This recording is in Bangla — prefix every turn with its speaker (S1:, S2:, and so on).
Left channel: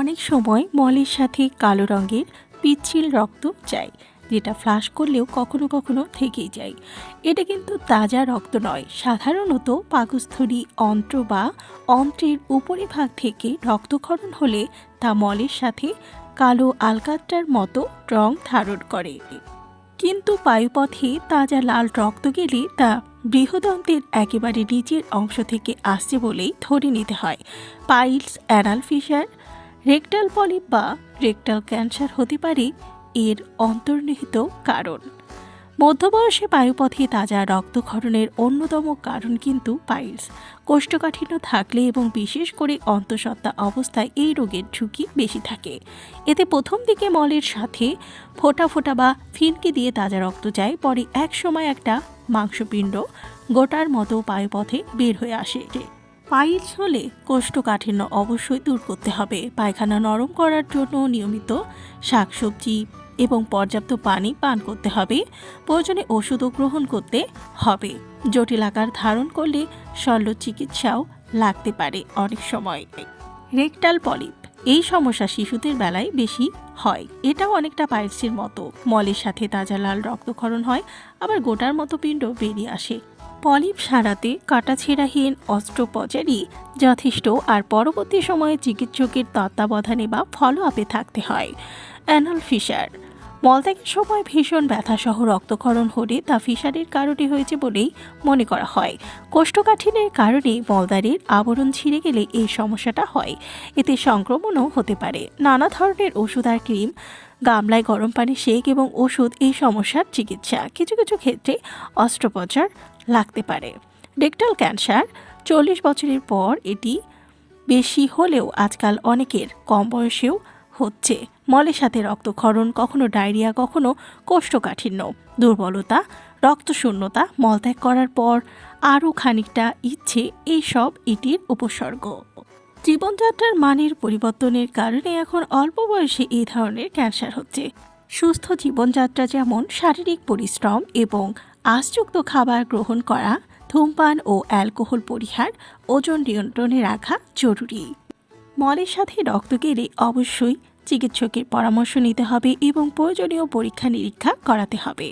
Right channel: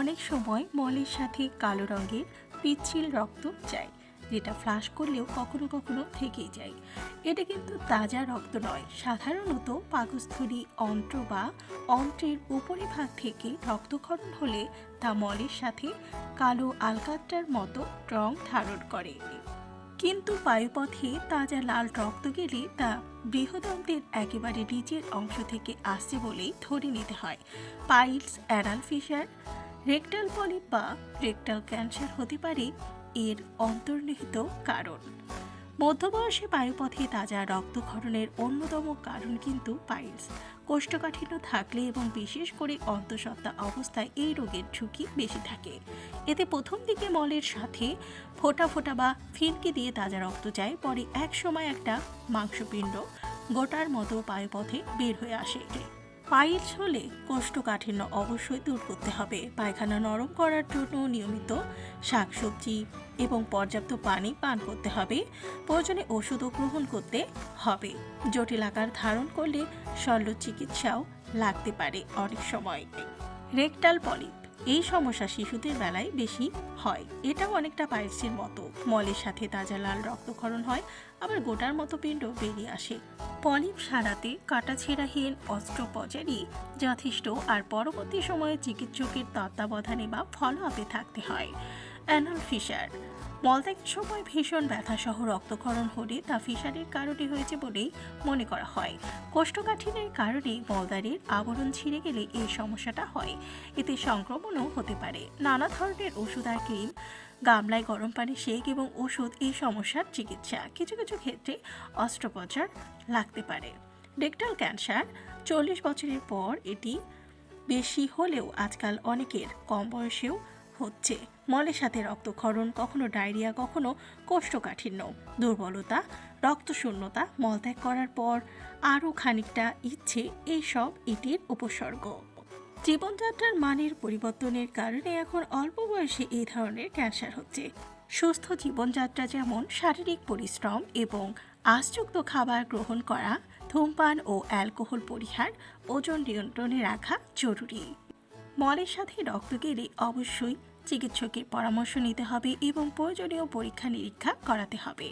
S1: অনেক সময় মলের সাথে কালো রঙের পিচ্ছিল রক্ত যায়, যেটা ফ্লাশ করলেও কখনো কখনো থেকেই যায়। এটা কিন্তু তাজা রক্ত নয়, সাধারণত পাকস্থলী অন্ত্র বা অন্ত্রের উপরিভাগ থেকে রক্তক্ষরণ হলে তা মলের সাথে কালো আলকাত্রার মতো রং ধারণ করে। কিন্তু বায়ুপথে তাজা লাল রক্ত গেলে তা বৃহদন্তের একেবারে নিচের অংশ থেকে আসছে বলেই ধরে নিতে হয়। Piles anal fissure rectal polyp বা রেকটাল ক্যান্সার হতে পারে এর অন্তর্নিহিত কারণ। মধ্যবয়সে বায়ুপথে তাজা রক্তক্ষরণের অন্যতম কারণ কিন্তু পাইলস। কোষ্ঠকাঠিন্য থাকলে এবং বিশেষ করে অন্তঃসত্ত্বা অবস্থায় এই রোগের ঝুঁকি বেশি থাকে। এতে প্রথম দিকে মলের সাথে ফোটা ফোটা বা ফিনকি দিয়ে তাজা রক্ত যায়, পরে এক সময় একটা মাংসপিণ্ড গোটার মতো পায়ুপথে বের হয়ে আসে পাইলস হলে কোষ্ঠকাঠিন্য অবশ্যই দূর করতে হবে। পায়খানা নরম করার জন্য নিয়মিত শাকসবজি এবং পর্যাপ্ত পানি পান করতে হবে। প্রয়োজনে ওষুধও গ্রহণ করতে হবে। জটিল আকার ধারণ করলে শল্য চিকিৎসাও লাগতে পারে অনেক সময়। রেকটাল পলিপ, এই সমস্যা শিশুদের বেলায় বেশি হয়। এটাও অনেকটা পাইলসের মতো। মলের সাথে তাজা লাল রক্তক্ষরণ হয়, আবার গোটার মতো পিণ্ড বেরিয়ে আসে। পলিপ সারাতে কাটাছেঁড়াহীন অস্ত্রোপচারই যথেষ্ট আর পরবর্তী সময়ে চিকিৎসকের তত্ত্বাবধানে বা ফলো আপে থাকতে হয়। অ্যানাল ফিশার মলত্যাগের সময় ভীষণ ব্যথাসহ রক্তক্ষরণ হলে তা ফিশারের কারণে হয়েছে বলেই মনে করা হয়। কোষ্ঠকাঠিন্যের কারণে মলদারের আবরণ ছিঁড়ে গেলে এই সমস্যাটা হয়। এতে সংক্রমণও হতে পারে। নানা ধরনের ওষুধ আর ক্রিম গামলায় গরম পানি, সেক এবং ওষুধ এই সমস্যার চিকিৎসা। কিছু কিছু ক্ষেত্রে অস্ত্রোপচার লাগতে পারে। রেকটাল ক্যান্সার চল্লিশ বছরের পর এটি বেশি হলেও আজকাল অনেকের কম বয়সেও হচ্ছে। মলের সাথে রক্তক্ষরণ, কখনো ডায়রিয়া, কখনো কোষ্ঠকাঠিন্য, দুর্বলতা, রক্তশূন্যতা, মলত্যাগ করার পর আরও খানিকটা ইচ্ছে এইসব এটির উপসর্গ। জীবনযাত্রার মানের পরিবর্তনের কারণে এখন অল্প বয়সে এই ধরনের ক্যান্সার হচ্ছে। সুস্থ জীবনযাত্রা যেমন শারীরিক পরিশ্রম এবং আশযুক্ত খাবার গ্রহণ করা, ধূমপান ও অ্যালকোহল পরিহার, ওজন নিয়ন্ত্রণে রাখা জরুরি। মলের সাথে রক্ত গেলে অবশ্যই চিকিৎসকের পরামর্শ নিতে হবে এবং প্রয়োজনীয় পরীক্ষা নিরীক্ষা করাতে হবে।